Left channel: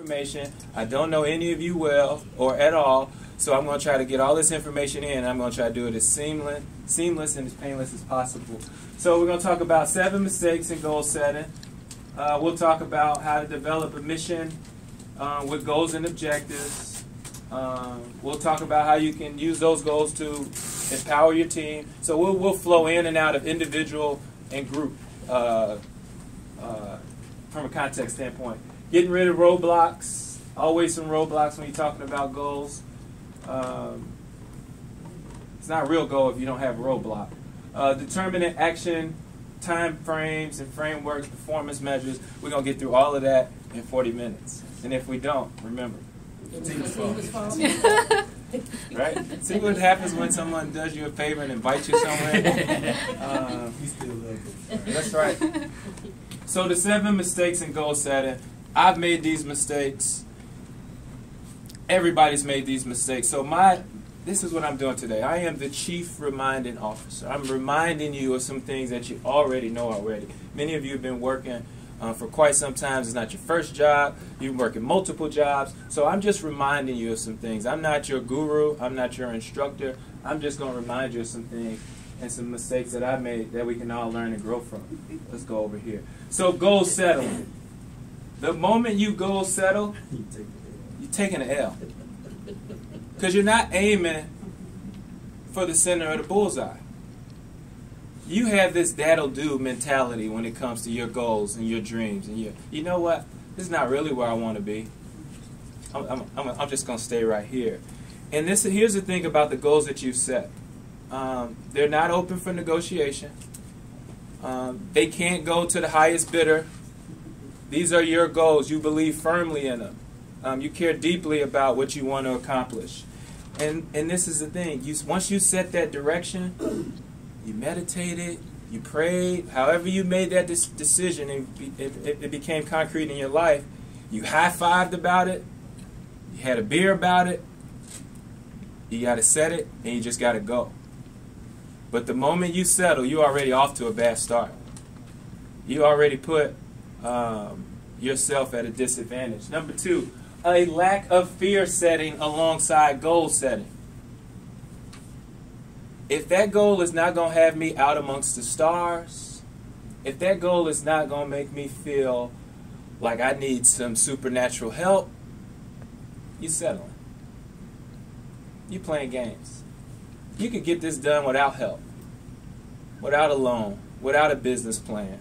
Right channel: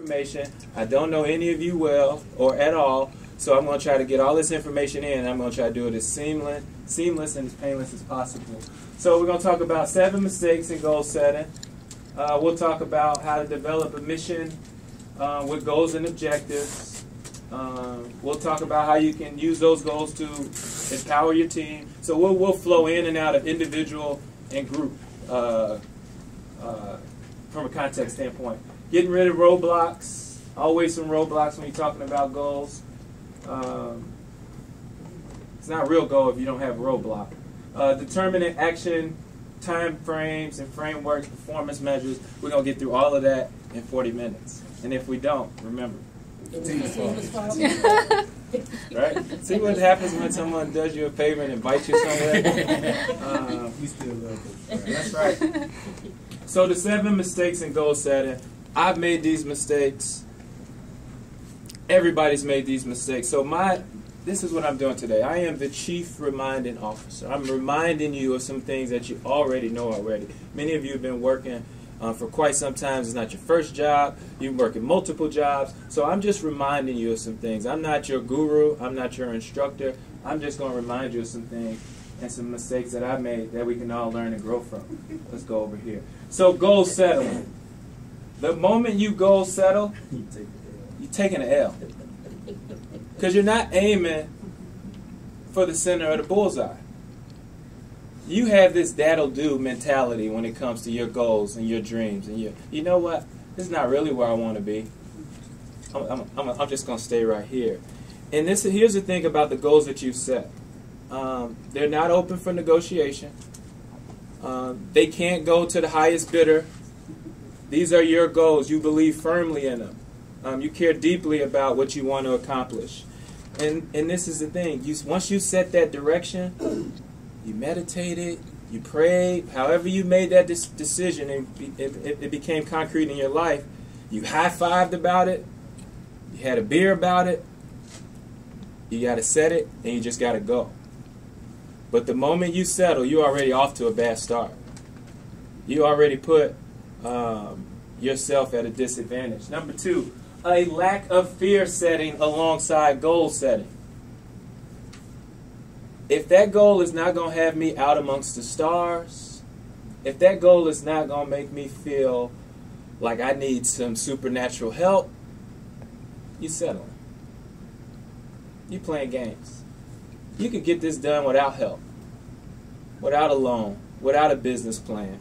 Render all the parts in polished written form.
information. I don't know any of you well or at all, so I'm going to try to get all this information in. I'm going to try to do it as seamless and as painless as possible. So we're going to talk about 7 mistakes in goal setting. We'll talk about how to develop a mission with goals and objectives. We'll talk about how you can use those goals to empower your team. So we'll flow in and out of individual and group from a context standpoint. Getting rid of roadblocks. Always some roadblocks when you're talking about goals. It's not a real goal if you don't have a roadblock. Determining action, time frames and frameworks, performance measures. We're going to get through all of that in 40 minutes. And if we don't, remember, team's fault. Right? See what happens when someone does you a favor and invites you somewhere? You still love it. That's right. So the 7 mistakes in goal setting. I've made these mistakes. Everybody's made these mistakes. So this is what I'm doing today. I am the chief reminding officer. I'm reminding you of some things that you already know already. Many of you have been working for quite some time. It's not your first job. You've been working multiple jobs. So I'm just reminding you of some things. I'm not your guru. I'm not your instructor. I'm just going to remind you of some things and some mistakes that I made that we can all learn and grow from. Let's go over here. So goal settling. The moment you goal settle, you're taking an L. Because you're not aiming for the center of the bullseye. You have this that'll do mentality when it comes to your goals and your dreams. And you know what? This is not really where I want to be. I'm just going to stay right here. And here's the thing about the goals that you set. They're not open for negotiation. They can't go to the highest bidder. These are your goals. You believe firmly in them. You care deeply about what you want to accomplish. And this is the thing. Once you set that direction, you meditated, you prayed, however you made that decision, and it became concrete in your life, you high-fived about it, you had a beer about it, you got to set it, and you just got to go. But the moment you settle, you're already off to a bad start. You already put yourself at a disadvantage. Number 2, a lack of fear setting alongside goal setting. If that goal is not going to have me out amongst the stars, if that goal is not going to make me feel like I need some supernatural help, you settling. You playing games. You could get this done without help, without a loan, without a business plan.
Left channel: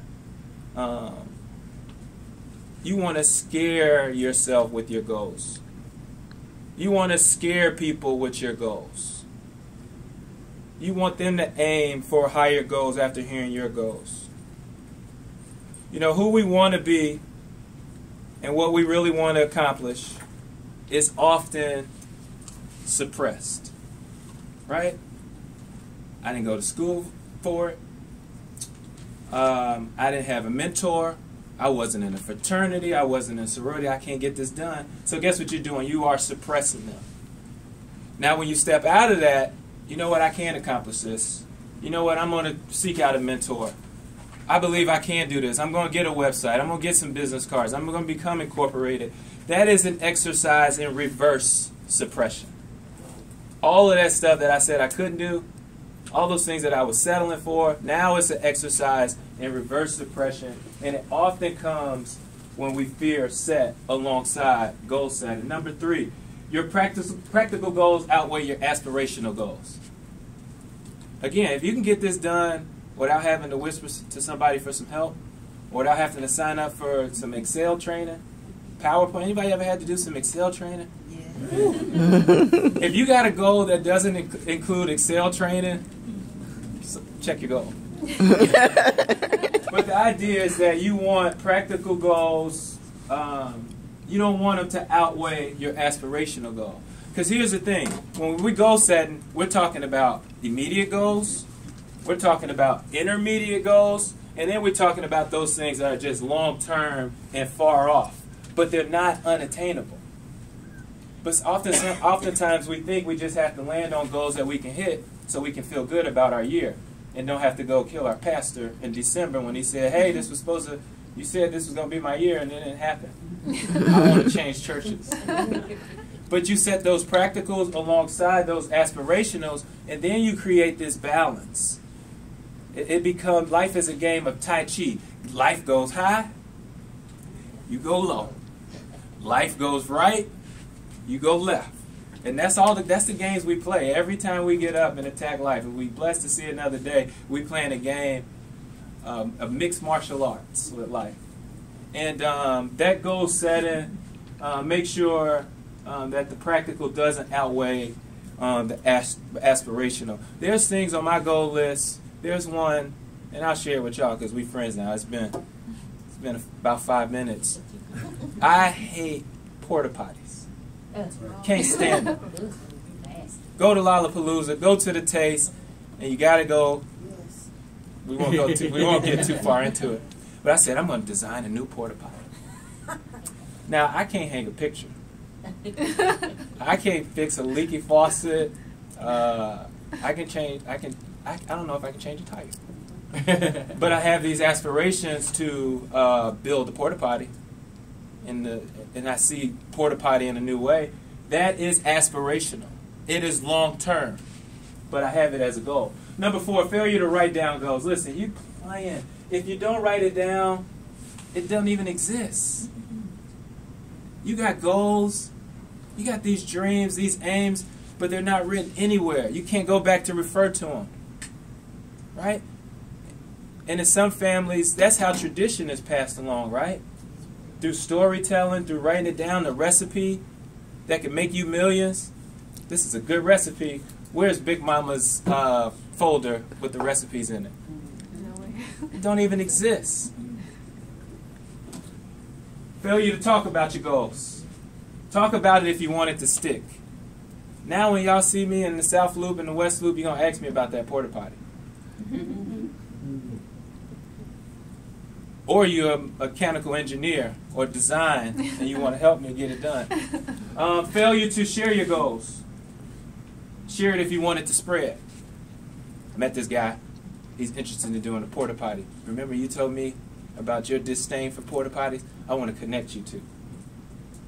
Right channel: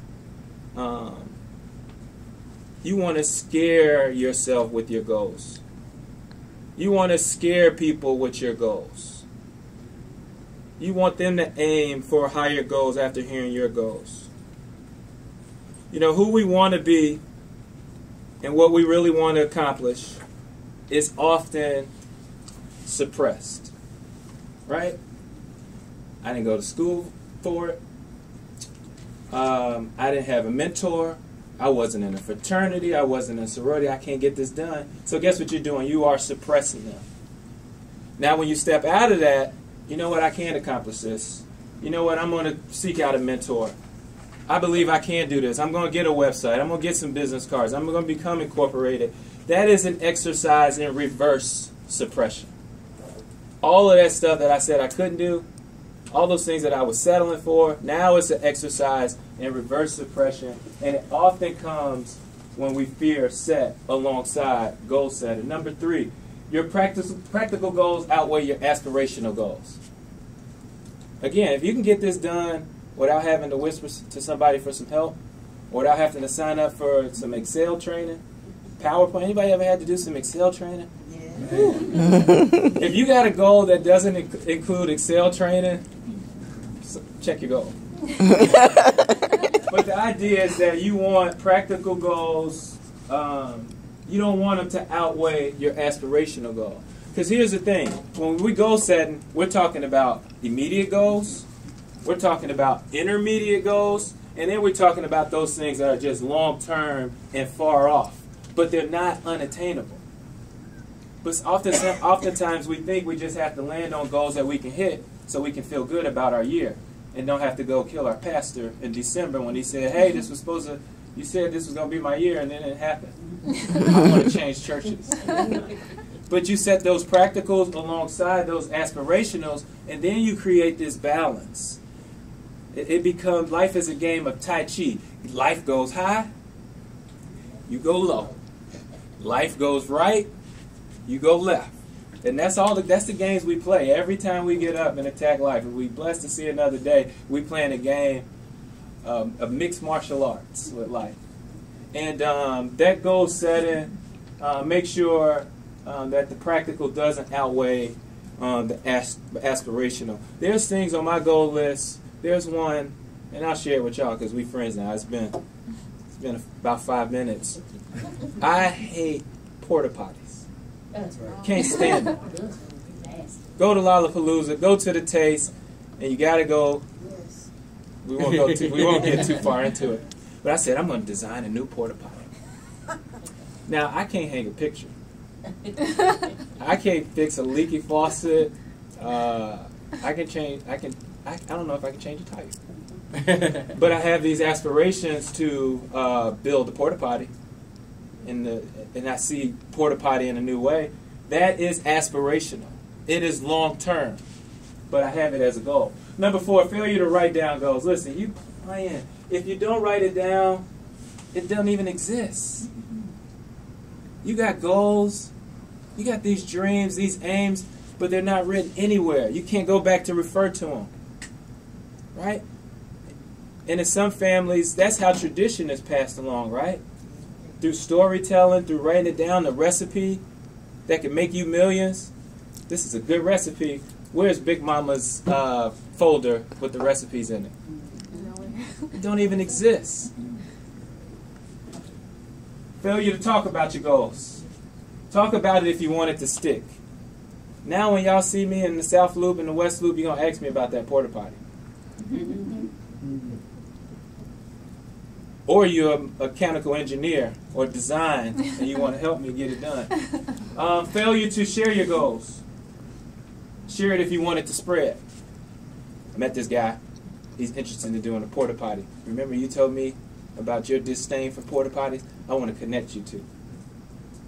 You want to scare yourself with your goals. You want to scare people with your goals. You want them to aim for higher goals after hearing your goals. You know, who we want to be and what we really want to accomplish is often suppressed. Right? I didn't go to school for it. I didn't have a mentor. I wasn't in a fraternity. I wasn't in a sorority. I can't get this done. So guess what you're doing? You are suppressing them. Now when you step out of that, you know what? I can accomplish this. You know what? I'm going to seek out a mentor. I believe I can do this. I'm going to get a website. I'm going to get some business cards. I'm going to become incorporated. That is an exercise in reverse suppression. All of that stuff that I said I couldn't do, all those things that I was settling for, now it's an exercise in reverse suppression, and it often comes when we fear set alongside goal setting. Number 3, your practical goals outweigh your aspirational goals. Again, if you can get this done without having to whisper to somebody for some help, without having to sign up for some Excel training, PowerPoint, anybody ever had to do some Excel training? Yeah. If you got a goal that doesn't include Excel training, check your goal. But the idea is that you want practical goals. You don't want them to outweigh your aspirational goal. Because here's the thing. When we goal setting, we're talking about immediate goals. We're talking about intermediate goals. And then we're talking about those things that are just long-term and far off. But they're not unattainable. But oftentimes we think we just have to land on goals that we can hit so we can feel good about our year and don't have to go kill our pastor in December when he said, hey, this was supposed to You said this was going to be my year, and then it happened. I want to change churches. But you set those practicals alongside those aspirationals, and then you create this balance. It becomes, life is a game of Tai Chi. Life goes high, you go low. Life goes right, you go left. And that's the games we play. Every time we get up and attack life, if we're blessed to see another day, we playing a game of mixed martial arts with life. And that goal setting, make sure that the practical doesn't outweigh the aspirational. There's things on my goal list. There's one, and I'll share it with y'all because we're friends now. It's been about 5 minutes. I hate porta potties. Can't stand them. Go to Lollapalooza, go to the Taste, and you got to go. We won't get too far into it. But I said I'm going to design a new porta potty. Now I can't hang a picture. I can't fix a leaky faucet. I don't know if I can change a tire. But I have these aspirations to build a porta potty, and I see porta potty in a new way. That is aspirational. It is long term, but I have it as a goal. Number 4, failure to write down goals. Listen, you playing. If you don't write it down, it doesn't even exist. You got goals, you got these dreams, these aims, but they're not written anywhere. You can't go back to refer to them. Right? And in some families, that's how tradition is passed along, right? Through storytelling, through writing it down, the recipe that can make you millions. This is a good recipe. Where's Big Mama's folder with the recipes in it? It don't even exist. Failure to talk about your goals. Talk about it if you want it to stick. Now when y'all see me in the South Loop and the West Loop, you're going to ask me about that porta potty. Or you're a mechanical engineer or design and you want to help me get it done. Failure to share your goals. Share it if you want it to spread. I met this guy. He's interested in doing a porta potty. Remember you told me about your disdain for porta potties? I want to connect you to.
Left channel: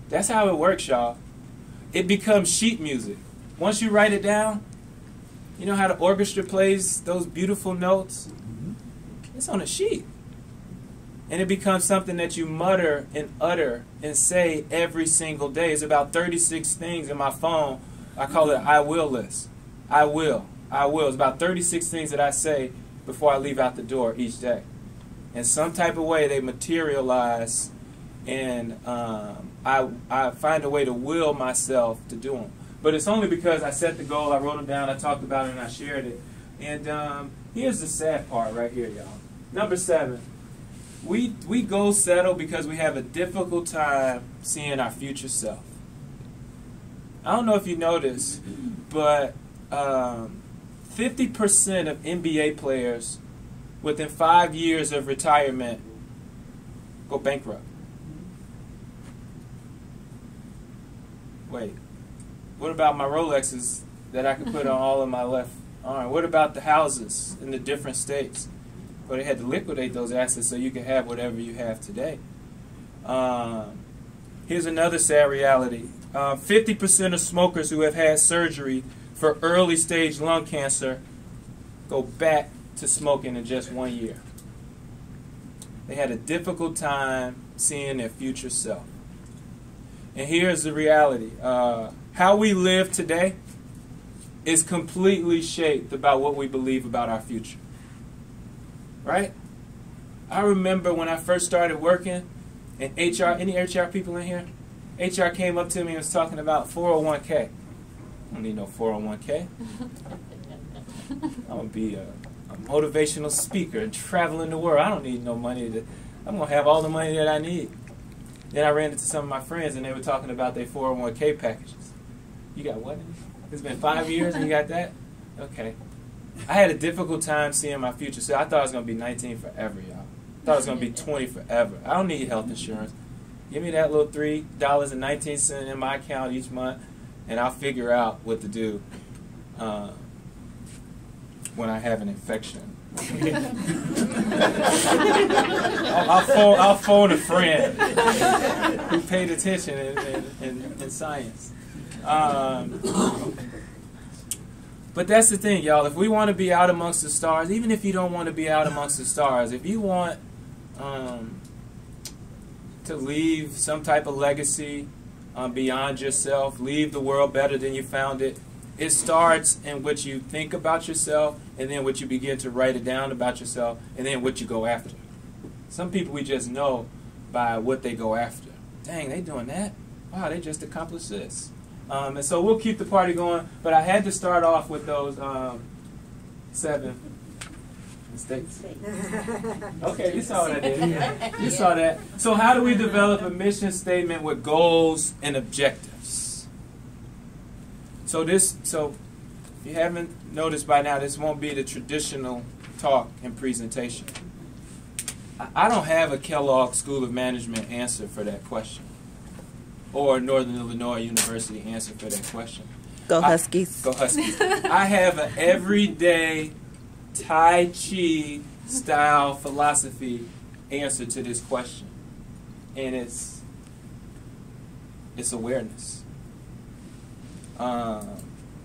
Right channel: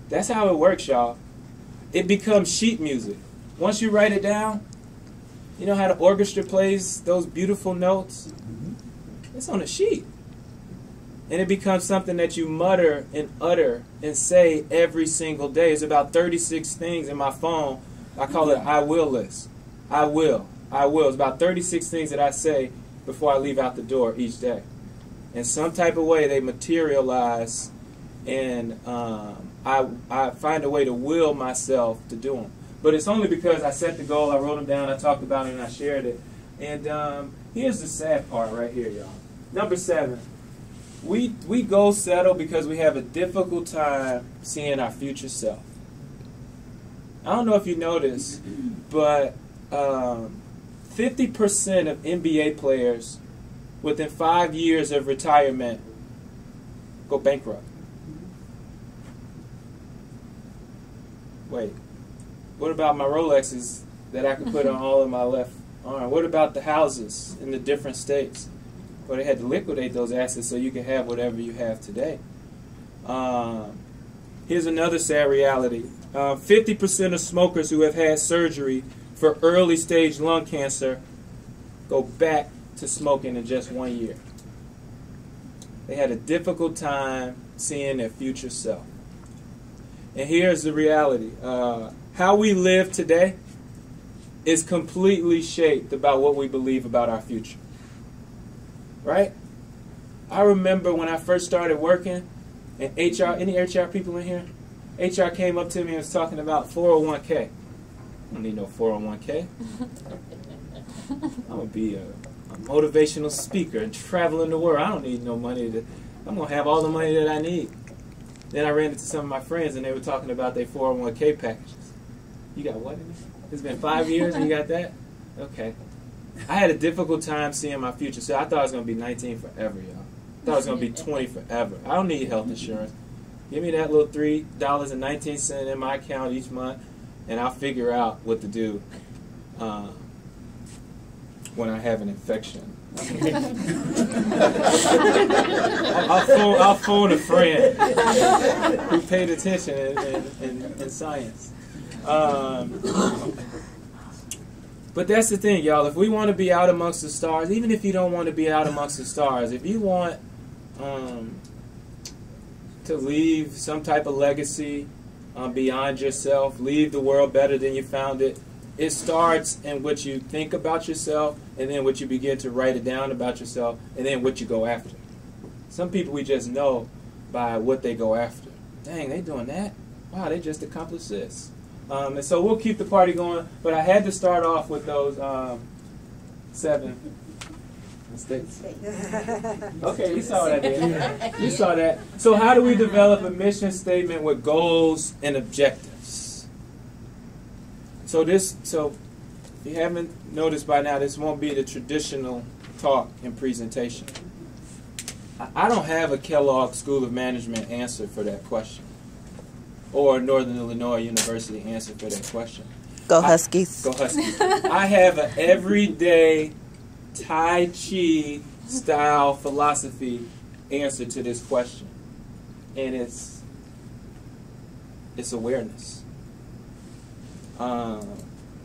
That's how it works, y'all. It becomes sheet music. Once you write it down, you know how the orchestra plays those beautiful notes? It's on a sheet. And it becomes something that you mutter and utter and say every single day. It's about 36 things in my phone. I call it an I will list. I will. I will. It's about 36 things that I say before I leave out the door each day. In some type of way, they materialize, and I find a way to will myself to do them. But it's only because I set the goal, I wrote them down, I talked about it, and I shared it. And here's the sad part right here, y'all. Number 7. We goal settle because we have a difficult time seeing our future self. I don't know if you noticed, but 50% of NBA players within 5 years of retirement go bankrupt. Wait, what about my Rolexes that I could put on all of my left arm? What about the houses in the different states? Well, they had to liquidate those assets so you can have whatever you have today. Here's another sad reality. 50% of smokers who have had surgery for early stage lung cancer go back to smoking in just 1 year. They had a difficult time seeing their future self. And here's the reality. How we live today is completely shaped about what we believe about our future. Right? I remember when I first started working in HR, any HR people in here? HR came up to me and was talking about 401k. I don't need no 401k. I'm going to be a motivational speaker and traveling the world. I don't need no money. I'm going to have all the money that I need. Then I ran into some of my friends and they were talking about their 401k packages. You got what? It's been 5 years and you got that? Okay. I had a difficult time seeing my future, so I thought I was going to be 19 forever, y'all. I thought I was going to be 20 forever. I don't need health insurance. Give me that little $3.19 in my account each month, and I'll figure out what to do when I have an infection I'll phone a friend who paid attention in science. But that's the thing, y'all. If we want to be out amongst the stars, even if you don't want to be out amongst the stars, if you want to leave some type of legacy beyond yourself, leave the world better than you found it, it starts in what you think about yourself, and then what you begin to write it down about yourself, and then what you go after. Some people we just know by what they go after. Dang, they doing that? Wow, they just accomplished this. And so we'll keep the party going, but I had to start off with those 7 mistakes. Okay, you saw what I did. You saw that. So how do we develop a mission statement with goals and objectives? So if you haven't noticed by now, this won't be the traditional talk and presentation. I don't have a Kellogg School of Management answer for that question, or Northern Illinois University answer for that question. Go Huskies. Go Huskies. I have an everyday Tai Chi style philosophy answer to this question, and it's awareness.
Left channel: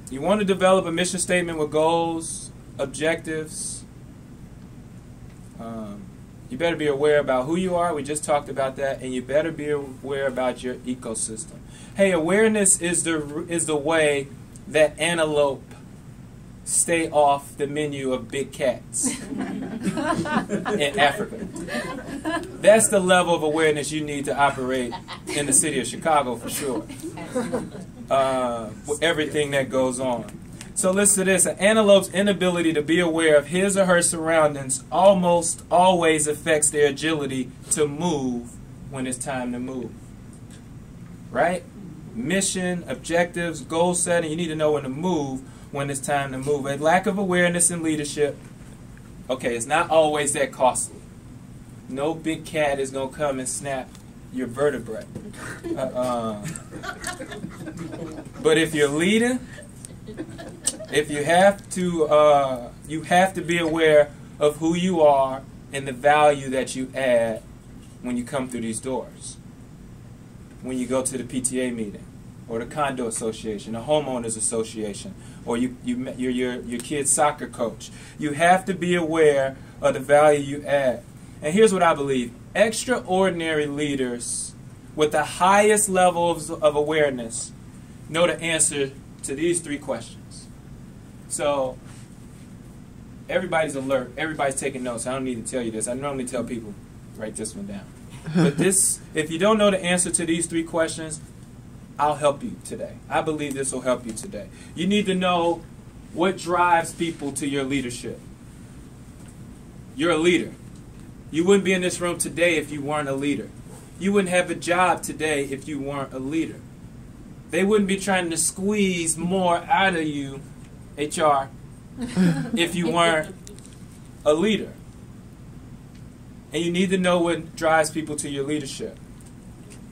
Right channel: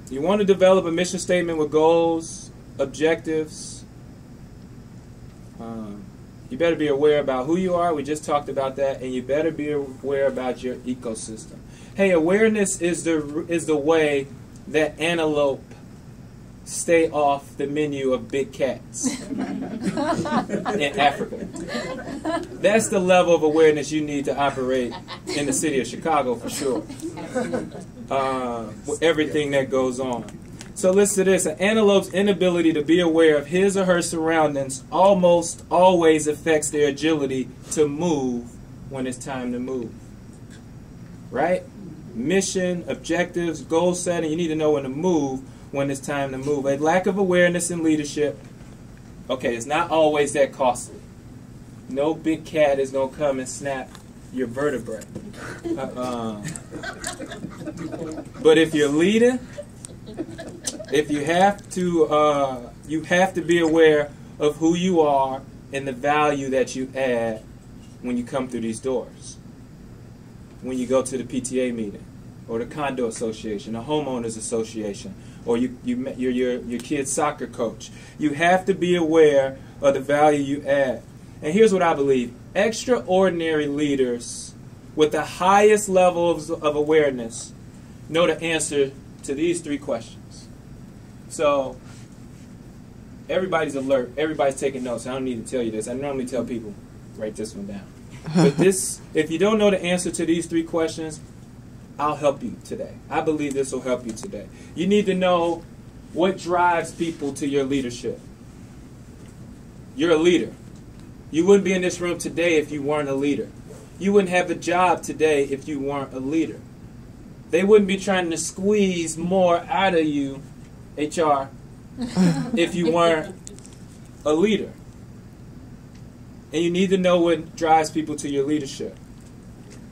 You want to develop a mission statement with goals, objectives. You better be aware about who you are. We just talked about that, and you better be aware about your ecosystem. Hey, awareness is the way that antelope stay off the menu of big cats in Africa. That's the level of awareness you need to operate in the city of Chicago for sure. With everything that goes on. So listen to this. An antelope's inability to be aware of his or her surroundings almost always affects their agility to move when it's time to move. Right? Mission, objectives, goal setting. You need to know when to move when it's time to move. A lack of awareness in leadership, okay, it's not always that costly. No big cat is going to come and snap your vertebrae. But if you're leading, if you have to be aware of who you are and the value that you add when you come through these doors. When you go to the PTA meeting, or the condo association, the homeowners association, or you're your kid's soccer coach. You have to be aware of the value you add. And here's what I believe. Extraordinary leaders with the highest level of awareness know the answer to these 3 questions. So everybody's alert. Everybody's taking notes. I don't need to tell you this. I normally tell people, write this one down. But if you don't know the answer to these 3 questions, I'll help you today. I believe this will help you today. You need to know what drives people to your leadership. You're a leader. You wouldn't be in this room today if you weren't a leader. You wouldn't have a job today if you weren't a leader. They wouldn't be trying to squeeze more out of you, HR, if you weren't a leader. And you need to know what drives people to your leadership.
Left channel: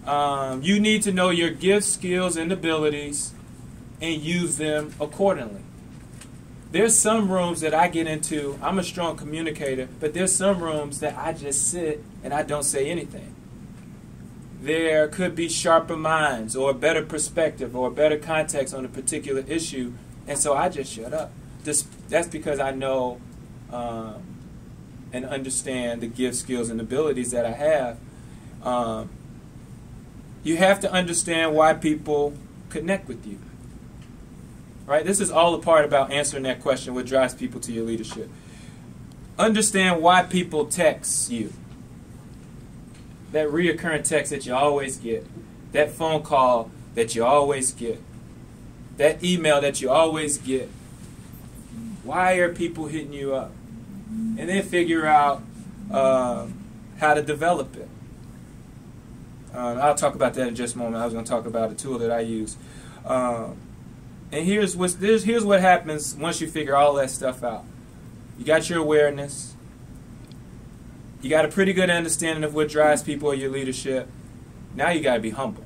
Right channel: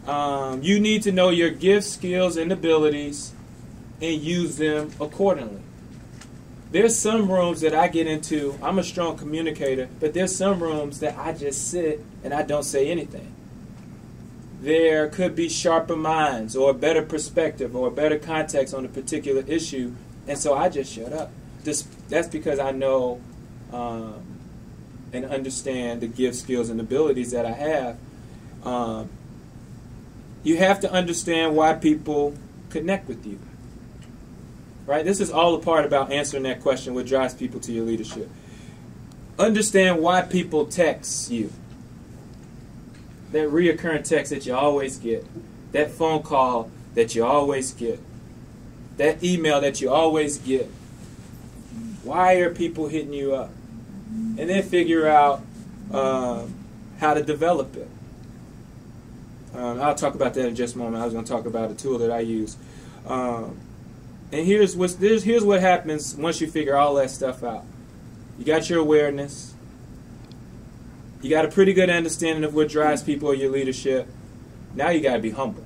You need to know your gifts, skills, and abilities and use them accordingly. There's some rooms that I get into, I'm a strong communicator, but there's some rooms that I just sit and I don't say anything. There could be sharper minds or a better perspective or a better context on a particular issue, and so I just shut up. That's because I know and understand the gifts, skills, and abilities that I have. You have to understand why people connect with you. Right? This is all a part about answering that question, what drives people to your leadership. Understand why people text you. That reoccurring text that you always get. That phone call that you always get. That email that you always get. Why are people hitting you up? And then figure out how to develop it. I'll talk about that in just a moment. I was going to talk about a tool that I use. And here's what happens once you figure all that stuff out. You got your awareness. You got a pretty good understanding of what drives people or your leadership. Now you got to be humble.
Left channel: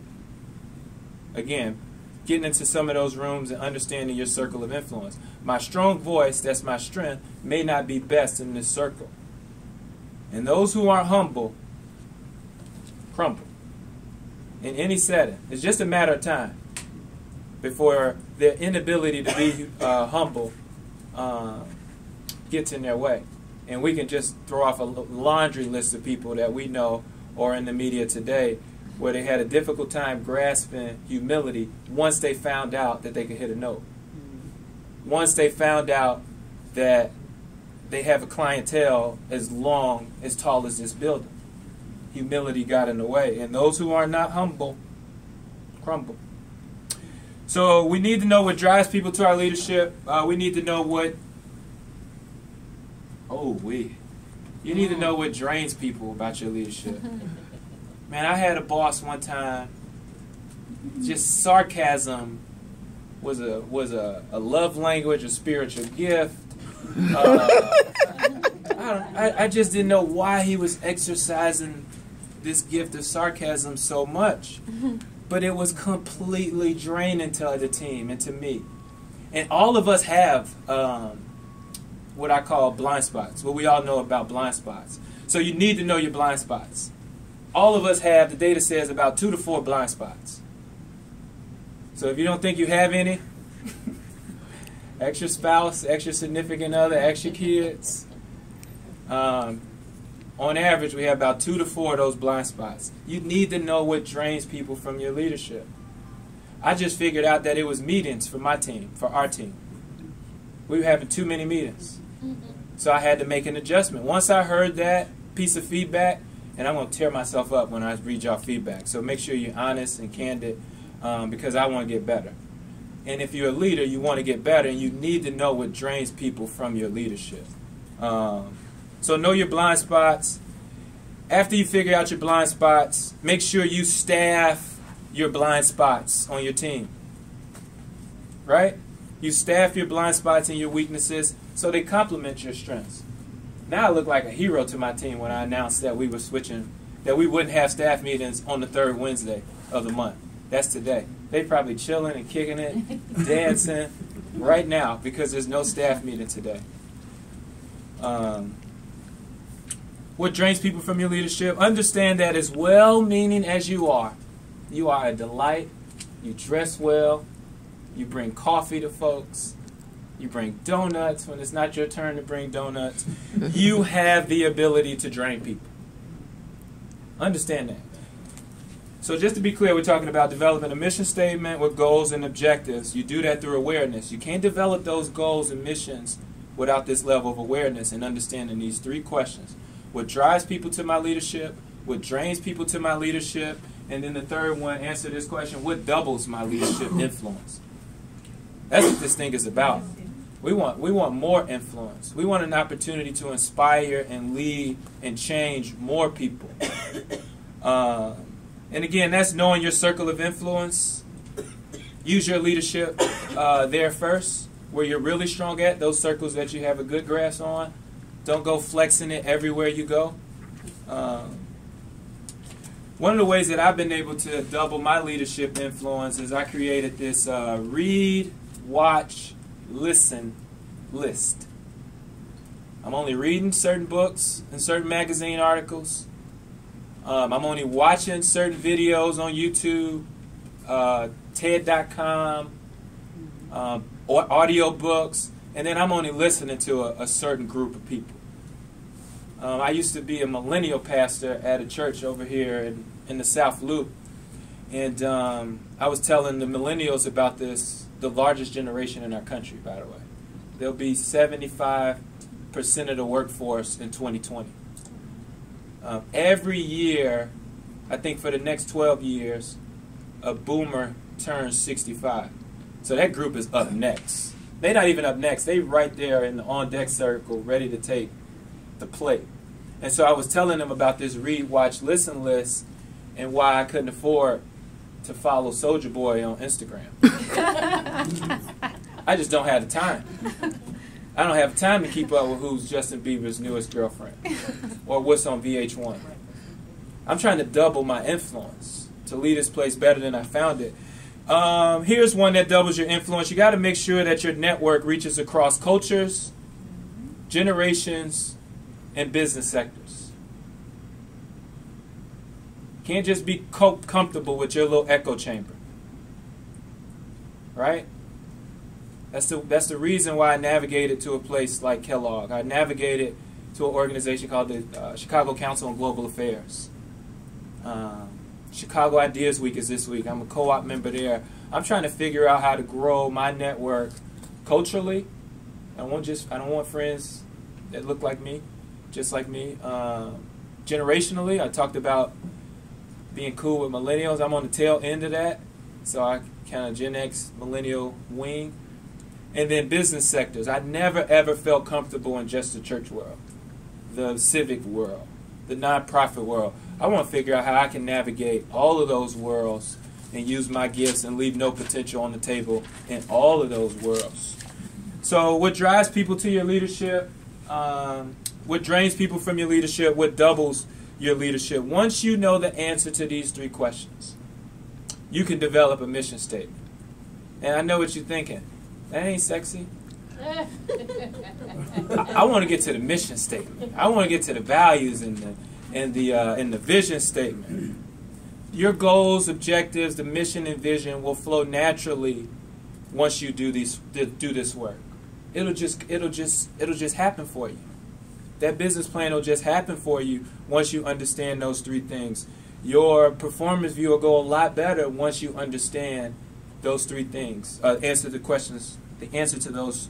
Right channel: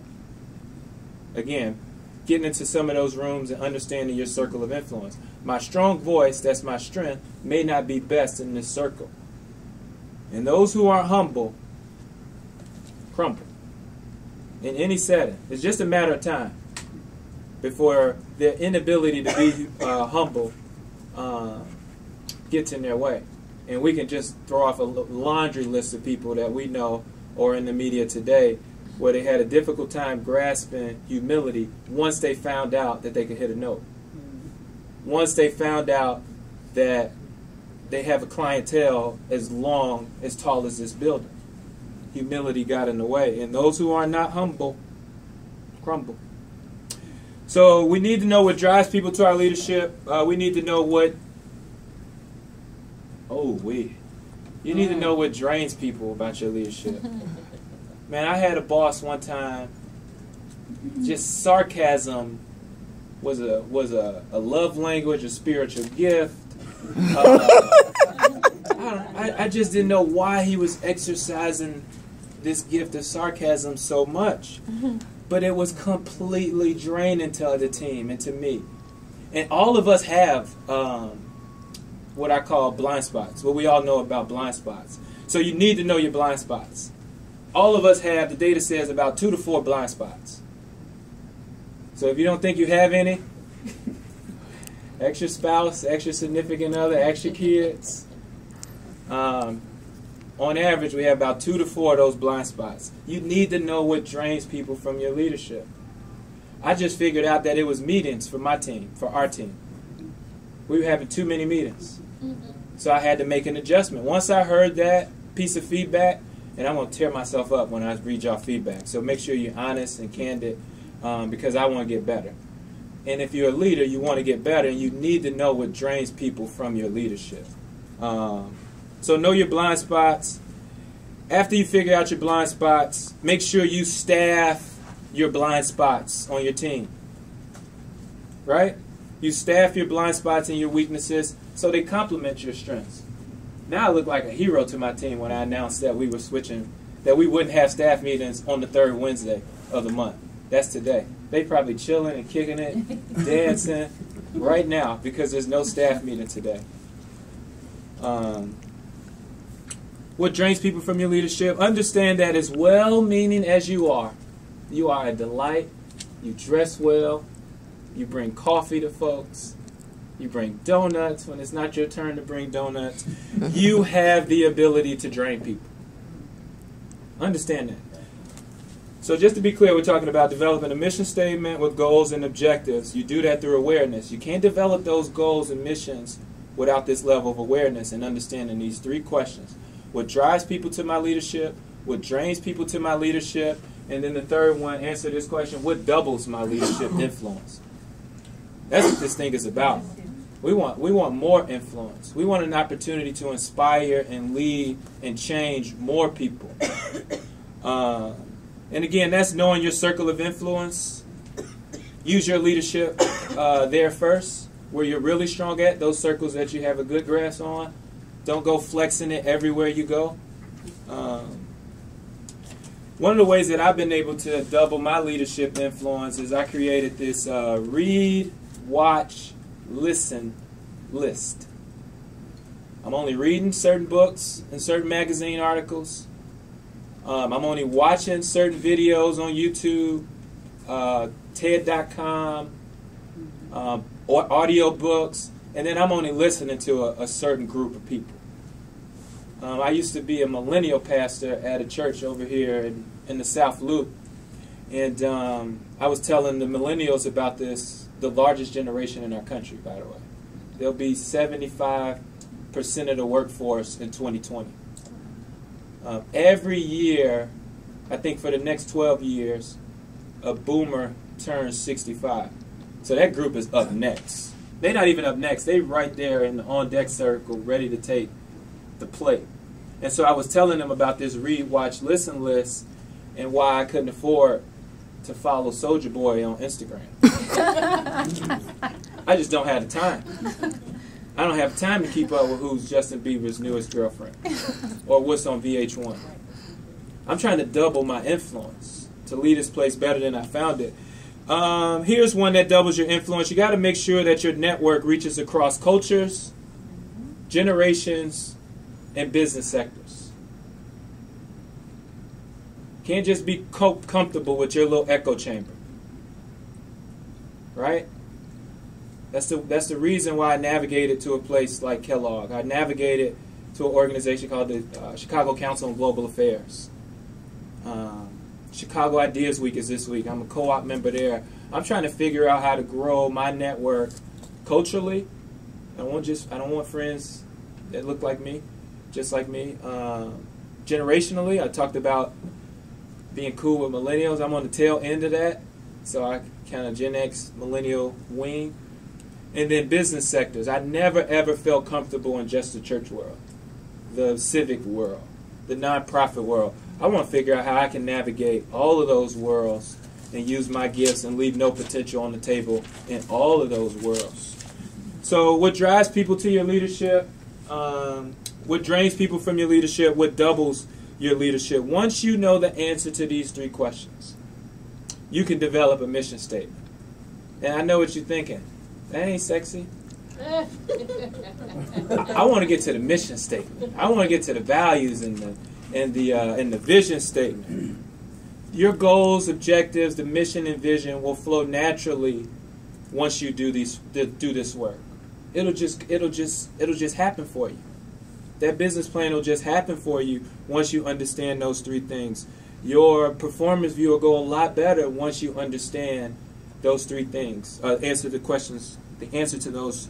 Again, getting into some of those rooms and understanding your circle of influence. My strong voice, that's my strength, may not be best in this circle. And those who aren't humble crumble in any setting. It's just a matter of time before their inability to be humble gets in their way. And we can just throw off a laundry list of people that we know or in the media today where they had a difficult time grasping humility once they found out that they could hit a note. Once they found out that they have a clientele as tall as this building. Humility got in the way. And those who are not humble crumble. So we need to know what drives people to our leadership. We need to know what you need to know what drains people about your leadership. Man, I had a boss one time, just sarcasm was a love language, a spiritual gift. I just didn't know why he was exercising this gift of sarcasm so much. But it was completely draining to the team and to me. And all of us have what I call blind spots, what we all know about blind spots. So you need to know your blind spots. All of us have, the data says, about 2 to 4 blind spots. So if you don't think you have any, ask your spouse, ask your significant other, ask your kids. On average, we have about 2 to 4 of those blind spots. You need to know what drains people from your leadership. I just figured out that it was meetings for my team, for our team. We were having too many meetings. So I had to make an adjustment. Once I heard that piece of feedback, and I'm going to tear myself up when I read y'all feedback. So make sure you're honest and candid because I want to get better. And if you're a leader, you want to get better, and you need to know what drains people from your leadership. So know your blind spots. After you figure out your blind spots, make sure you staff your blind spots on your team. Right? You staff your blind spots and your weaknesses so they complement your strengths. Now I look like a hero to my team when I announced that we were switching, that we wouldn't have staff meetings on the 3rd Wednesday of the month. That's today. They probably chilling and kicking it, dancing right now because there's no staff meeting today. What drains people from your leadership? Understand that as well-meaning as you are a delight. You dress well. You bring coffee to folks. You bring donuts when it's not your turn to bring donuts. You have the ability to drain people. Understand that. So just to be clear, we're talking about developing a mission statement with goals and objectives. You do that through awareness. You can't develop those goals and missions without this level of awareness and understanding these 3 questions. What drives people to my leadership? What drains people to my leadership? And then the 3rd one, answer this question, what doubles my leadership influence? That's what this thing is about. We want more influence. We want an opportunity to inspire and lead and change more people. And again, that's knowing your circle of influence. Use your leadership there first, where you're really strong at, those circles that you have a good grasp on. Don't go flexing it everywhere you go. One of the ways that I've been able to double my leadership influence is I created this read, watch, listen list. I'm only reading certain books and certain magazine articles. I'm only watching certain videos on YouTube, TED.com, or audio books, and then I'm only listening to a certain group of people. I used to be a millennial pastor at a church over here in the South Loop, and I was telling the millennials about this, the largest generation in our country, by the way. There'll be 75% of the workforce in 2020. Every year, I think for the next 12 years, a boomer turns 65. So that group is up next. They're not even up next. They're right there in the on-deck circle, ready to take the plate. And so I was telling them about this read, watch, listen list and why I couldn't afford to follow Soulja Boy on Instagram. I just don't have the time. I don't have time to keep up with who's Justin Bieber's newest girlfriend or what's on VH1. I'm trying to double my influence to leave this place better than I found it. Here's one that doubles your influence. You got to make sure that your network reaches across cultures, generations, and business sectors. Can't just be comfortable with your little echo chamber. Right? That's the reason why I navigated to a place like Kellogg. I navigated to an organization called the Chicago Council on Global Affairs. Chicago Ideas Week is this week. I'm a co-op member there. I'm trying to figure out how to grow my network culturally. I don't want friends that look like me, just like me. Generationally, I talked about being cool with millennials. I'm on the tail end of that, so I kind of Gen X millennial wing. And then business sectors. I never ever felt comfortable in just the church world, the civic world, the nonprofit world. I want to figure out how I can navigate all of those worlds and use my gifts and leave no potential on the table in all of those worlds. So what drives people to your leadership? What drains people from your leadership? What doubles your leadership? Once you know the answer to these three questions, you can develop a mission statement. And I know what you're thinking. That ain't sexy. I want to get to the mission statement. I want to get to the values and the vision statement. Your goals, objectives, the mission and vision will flow naturally once you do this work. It'll just happen for you. That business plan will just happen for you once you understand those three things. Your performance view will go a lot better once you understand those three things. The answer to those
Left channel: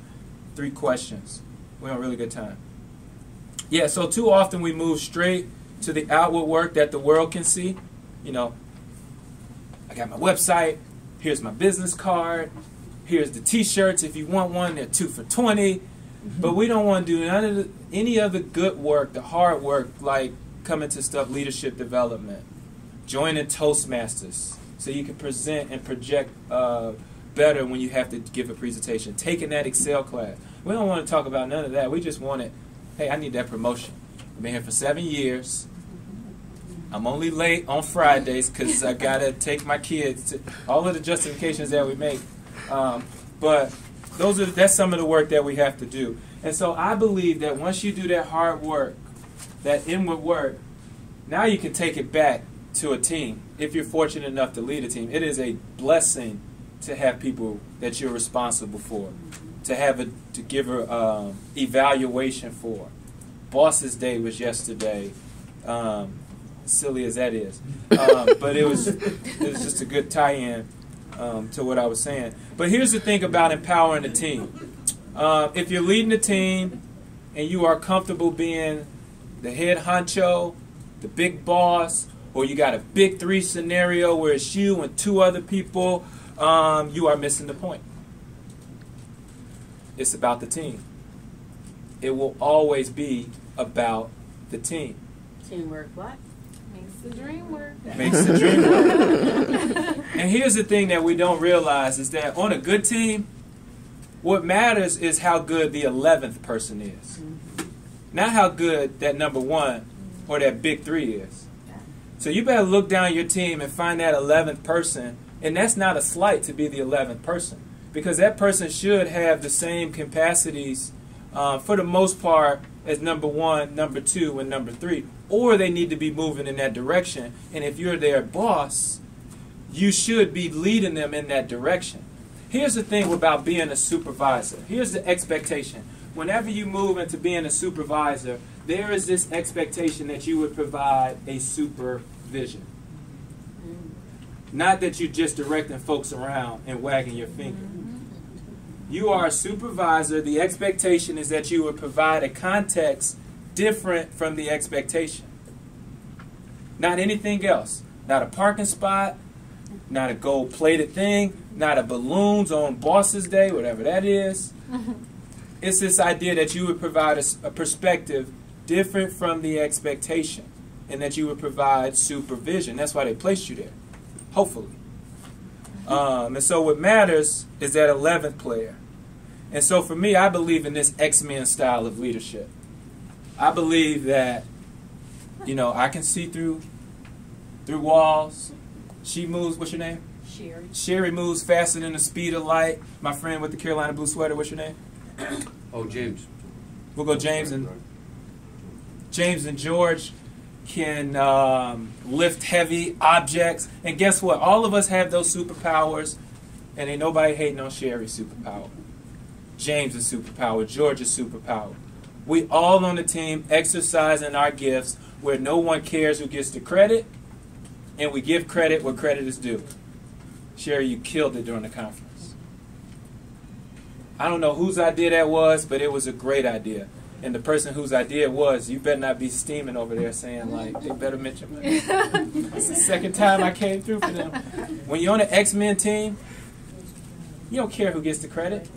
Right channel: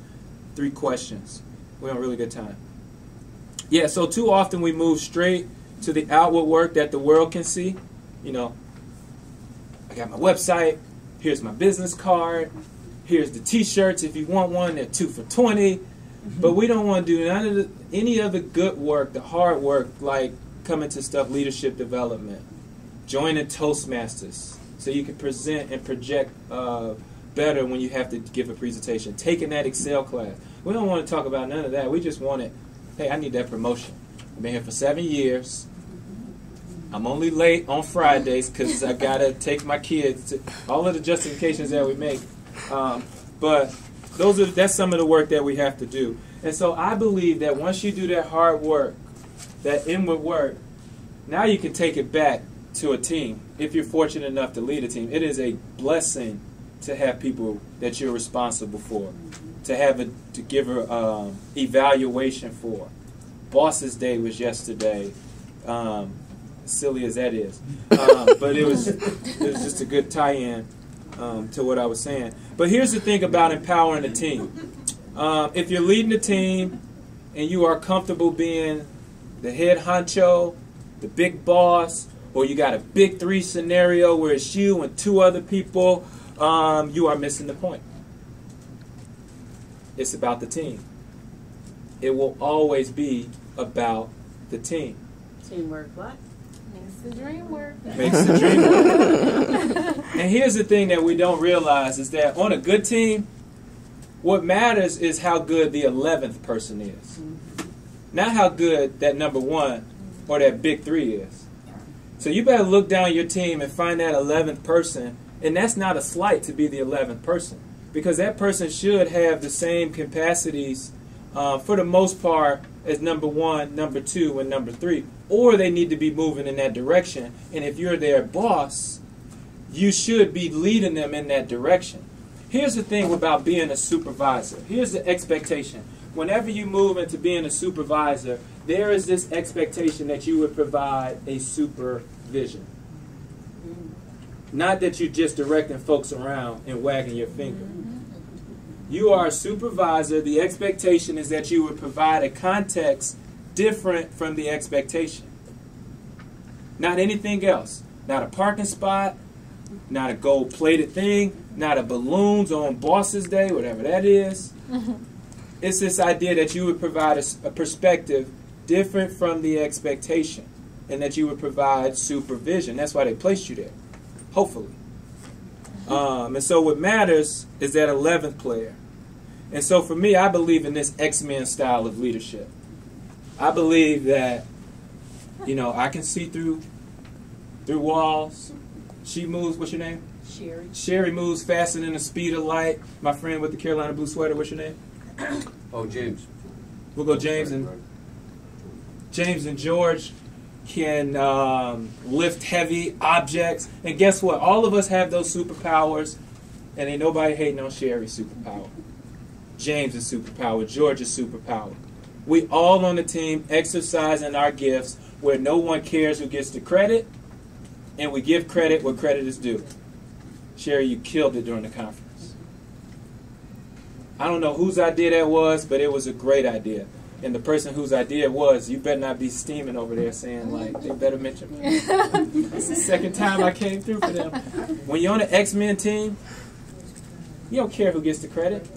three questions. We're on a really good time. Yeah, so too often we move straight to the outward work that the world can see. You know, I got my website, here's my business card, here's the t-shirts if you want one, they're 2 for $20. But we don't want to do any of the good work, the hard work, like coming to stuff, leadership development, joining Toastmasters so you can present and project better when you have to give a presentation, taking that Excel class. We don't want to talk about none of that. We just want it, hey, I need that promotion. I've been here for 7 years. I'm only late on Fridays because I got to take my kids to all of the justifications that we make. But that's some of the work that we have to do. And so I believe that once you do that hard work, that inward work, now you can take it back to a team. If you're fortunate enough to lead a team, it is a blessing to have people that you're responsible for, to give an evaluation for. Boss's Day was yesterday, silly as that is, but it was just a good tie-in to what I was saying. But here's the thing about empowering a team. If you're leading a team and you are comfortable being the head honcho, the big boss, or you got a big 3 scenario where it's you and 2 other people, you are missing the point. It's about the team. It will always be about the team. Teamwork what? Makes the dream work. Makes the dream work. And here's the thing that we don't realize is that on a good team, what matters is how good the 11th person is. Not how good that number 1 or that big 3 is. So you better look down your team and find that 11th person. And that's not a slight to be the 11th person. Because that person should have the same capacities for the most part as number 1, number 2, and number 3. Or they need to be moving in that direction. And if you're their boss, you should be leading them in that direction. Here's the thing about being a supervisor. Here's the expectation. Whenever you move into being a supervisor, there is this expectation that you would provide a supervision. Not that you're just directing folks around and wagging your finger. You are a supervisor. The expectation is that you would provide a context different from the expectation. Not anything else. Not a parking spot, not a gold-plated thing, not a balloons on Boss's Day, whatever that is. It's this idea that you would provide a perspective different from the expectation and that you would provide supervision. That's why they placed you there, hopefully. And so what matters is that 11th player. And so for me, I believe in this X-Men style of leadership. I believe that, I can see through walls. She moves, what's your name? Sherry. Sherry moves faster than the speed of light. My friend with the Carolina blue sweater, what's your name? Oh, James. We'll go James and George can lift heavy objects. And guess what? All of us have those superpowers, and ain't nobody hating on Sherry's superpower. James is superpower. George is superpower. We all on the team exercising our gifts where no one cares who gets the credit, and we give credit where credit is due. Sherry, you killed it during the conference. I don't know whose idea that was, but it was a great idea. And the person whose idea it was, you better not be steaming over there saying, like, they better mention me. It's the second time I came through for them. When you're on an X-Men team, you don't care who gets the credit.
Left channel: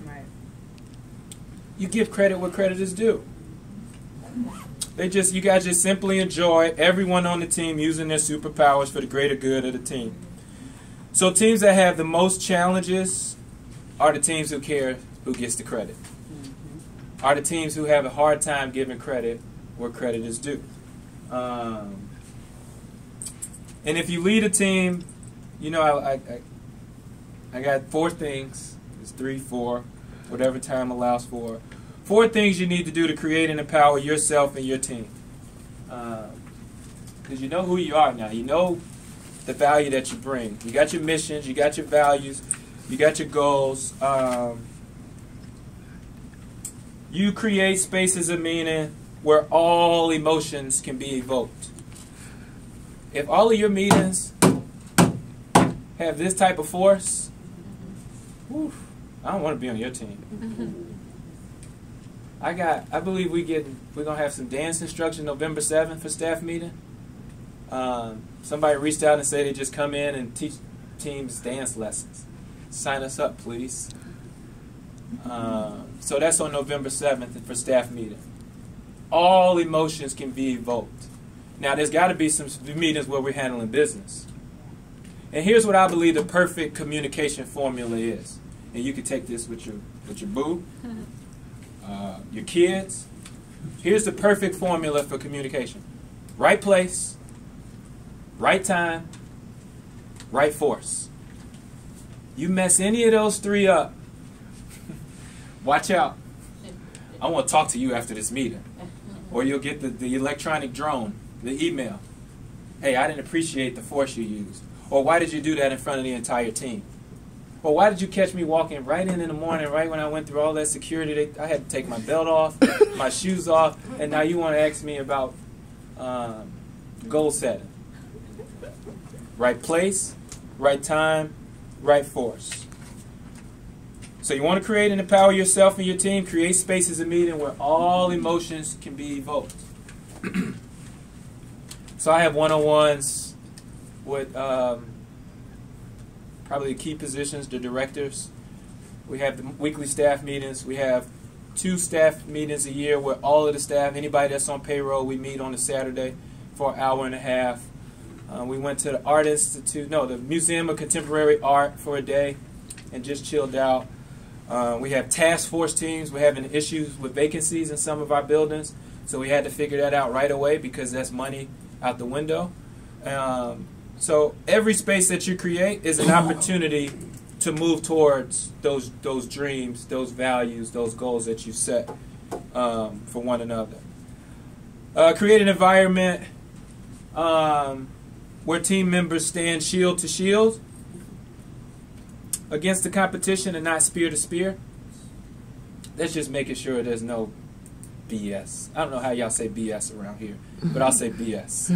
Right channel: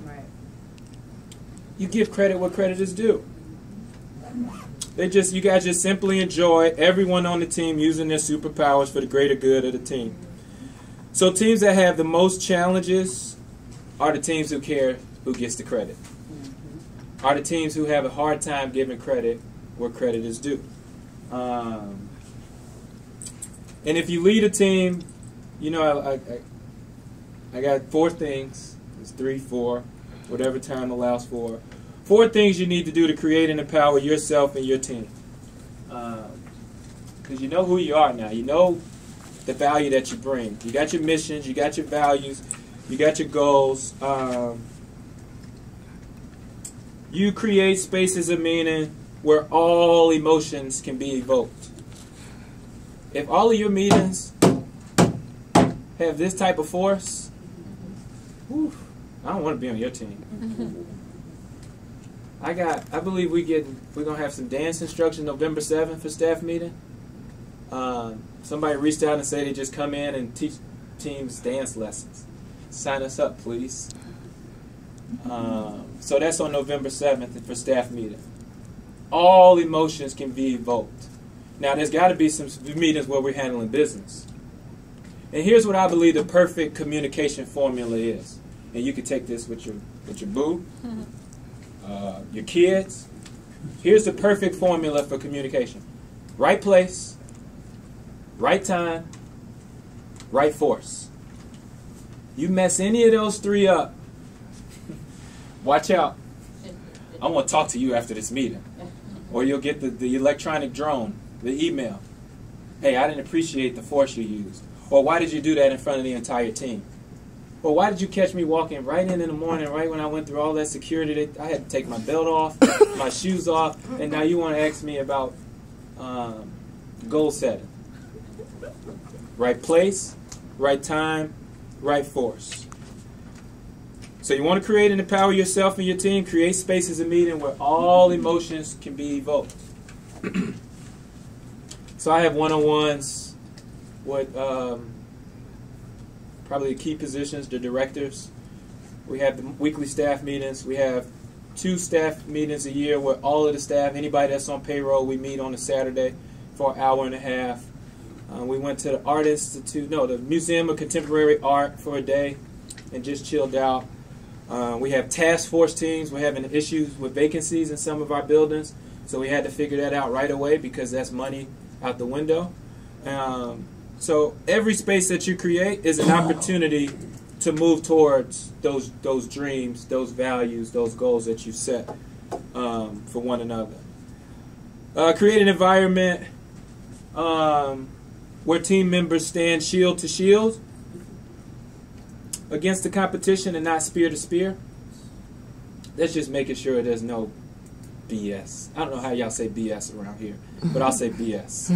You give credit where credit is due. You guys just simply enjoy everyone on the team using their superpowers for the greater good of the team. So teams that have the most challenges are the teams who care who gets the credit. Are the teams who have a hard time giving credit where credit is due. And if you lead a team, you know, I got 4 things. It's 3, 4, whatever time allows for. 4 things you need to do to create and empower yourself and your team. Because you know who you are now. You know the value that you bring. You got your missions, you got your values, you got your goals. You create spaces of meaning where all emotions can be evoked. If all of your meetings have this type of force, whew, I don't want to be on your team. I believe we're gonna have some dance instruction November 7th for staff meeting. Somebody reached out and said they just come in and teach teams dance lessons. Sign us up, please. So that's on November 7th for staff meeting. All emotions can be evoked. Now there's got to be some meetings where we're handling business. And here's what I believe the perfect communication formula is. And you can take this with your boo, your kids. Here's the perfect formula for communication. Right place, right time, right force. You mess any of those 3 up, watch out. I want to talk to you after this meeting. Or you'll get the electronic drone, the email. Hey, I didn't appreciate the force you used. Or why did you do that in front of the entire team? Or why did you catch me walking right in the morning, right when I went through all that security? I had to take my belt off, my shoes off, and now you want to ask me about goal setting. Right place, right time, right force. So you want to create and empower yourself and your team, create spaces of meeting where all emotions can be evoked. So I have one-on-ones with probably the key positions, the directors. We have the weekly staff meetings. We have 2 staff meetings a year where all of the staff, anybody that's on payroll, we meet on a Saturday for an hour and a half. We went to the Art Institute, the Museum of Contemporary Art for a day and just chilled out. We have task force teams. We're having issues with vacancies in some of our buildings, so we had to figure that out right away because that's money out the window. So every space that you create is an opportunity to move towards those dreams, those values, those goals that you set for one another. Create an environment where team members stand shield to shield against the competition and not spear to spear. That's just making sure there's no BS. I don't know how y'all say BS around here, but I'll say BS.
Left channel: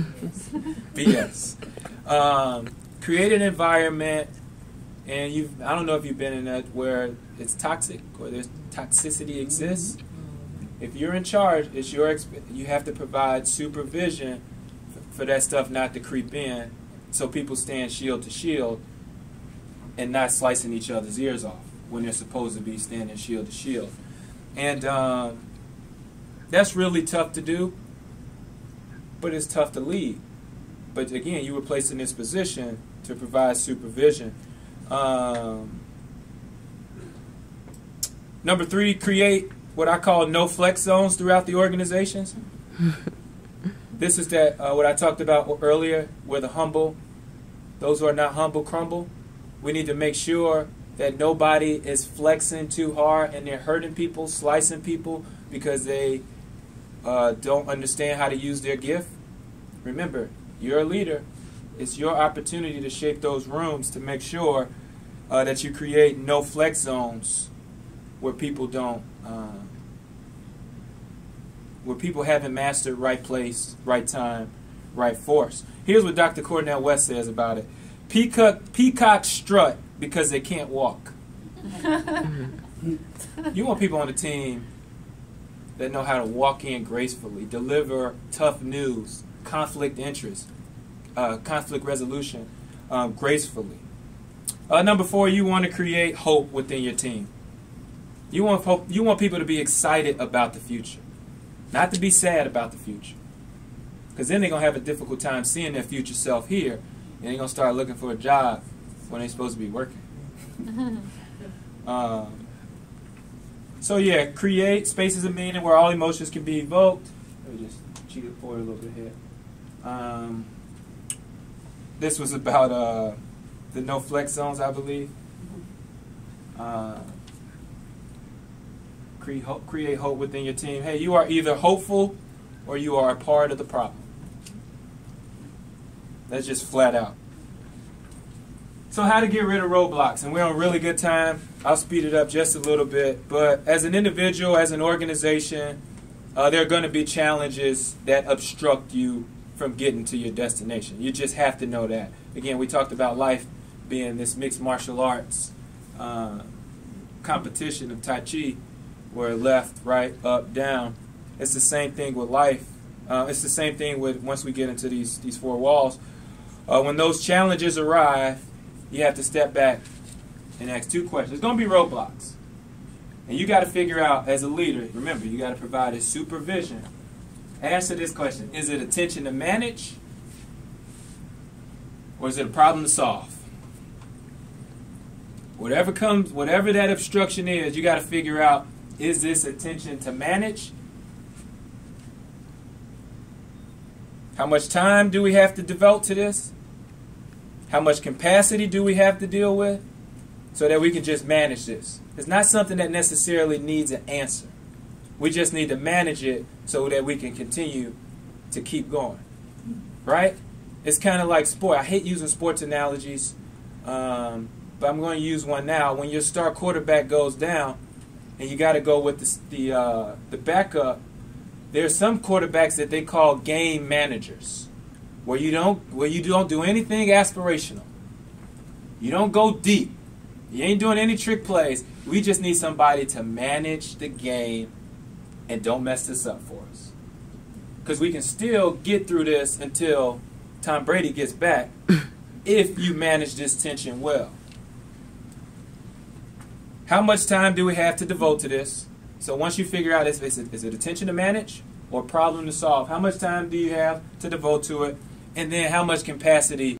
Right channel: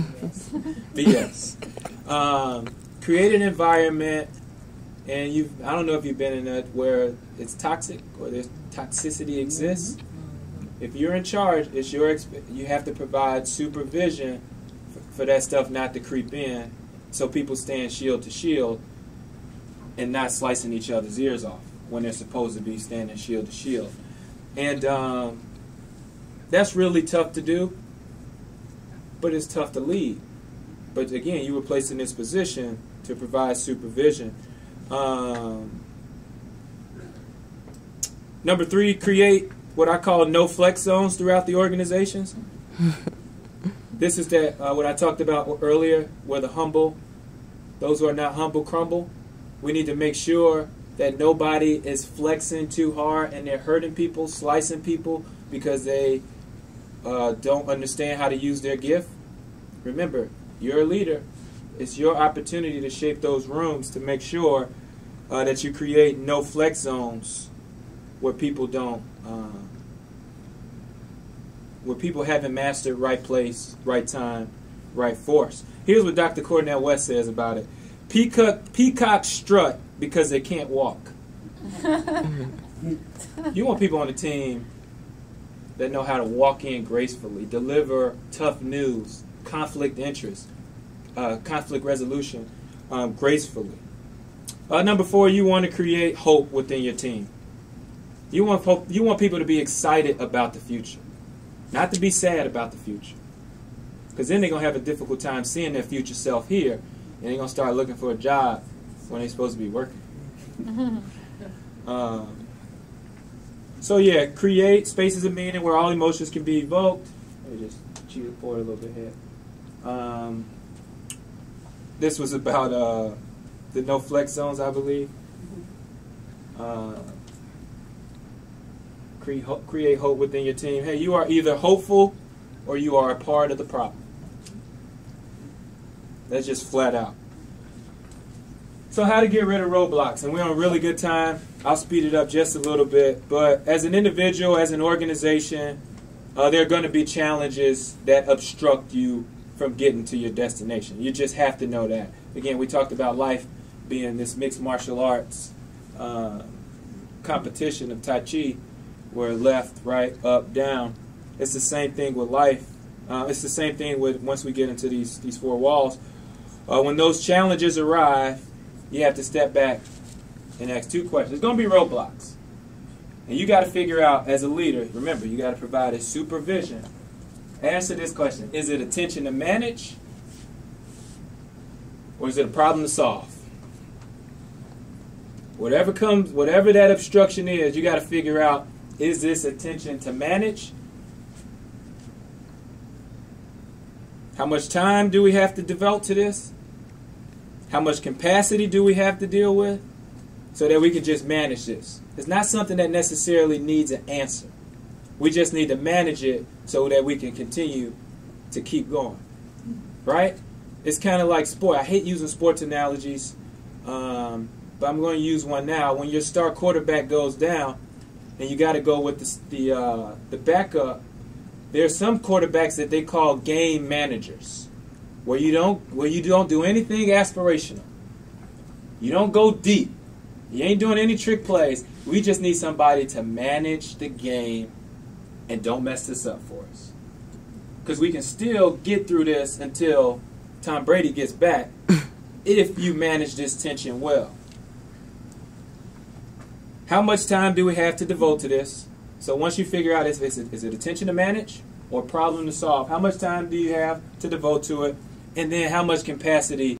BS. Create an environment, and I don't know if you've been in that where it's toxic or there's toxicity exists. If you're in charge, it's you have to provide supervision for that stuff not to creep in, so people stand shield to shield and not slicing each other's ears off when they're supposed to be standing shield to shield. And that's really tough to do, but it's tough to lead. But again, you were placed in this position to provide supervision. Number 3, create what I call no flex zones throughout the organizations. This is what I talked about earlier, where those who are not humble crumble. We need to make sure that nobody is flexing too hard and they're hurting people, slicing people because they don't understand how to use their gift. Remember, you're a leader. It's your opportunity to shape those rooms to make sure that you create no flex zones where people don't, where people haven't mastered right place, right time, right force. Here's what Dr. Cornell West says about it. Peacocks strut because they can't walk. You want people on the team that know how to walk in gracefully, deliver tough news, conflict interest, conflict resolution gracefully. Number 4, you want to create hope within your team. You want people to be excited about the future, not to be sad about the future. Because then they're going to have a difficult time seeing their future self here, and they're going to start looking for a job when they're supposed to be working. So yeah, create spaces of meaning where all emotions can be evoked. Let me just cheat it forward a little bit here. This was about the no flex zones, I believe. Create hope within your team. Hey, you are either hopeful or you are a part of the problem. That's just flat out. So how to get rid of roadblocks, and we're on really good time. I'll speed it up just a little bit, but as an individual, as an organization, there are going to be challenges that obstruct you from getting to your destination. You just have to know that. Again, we talked about life being this mixed martial arts competition of Tai Chi, where left, right, up, down. It's the same thing with life. It's the same thing with once we get into these 4 walls. When those challenges arrive, you have to step back and ask 2 questions. There's going to be roadblocks. And you got to figure out, as a leader, remember, you got to provide a supervision. Answer this question. Is it a tension to manage? Or is it a problem to solve? Whatever that obstruction is, you got to figure out, is this a tension to manage? How much time do we have to devote to this? How much capacity do we have to deal with so that we can just manage this? It's not something that necessarily needs an answer. We just need to manage it so that we can continue to keep going. Right? It's kind of like sport. I hate using sports analogies, but I'm going to use one now. When your star quarterback goes down and you got to go with the backup, there are some quarterbacks that they call game managers, where you don't do anything aspirational. You don't go deep. You ain't doing any trick plays. We just need somebody to manage the game and don't mess this up for us. Because we can still get through this until Tom Brady gets back if you manage this tension well. How much time do we have to devote to this? So once you figure out, is it a tension to manage or a problem to solve? How much time do you have to devote to it? And then how much capacity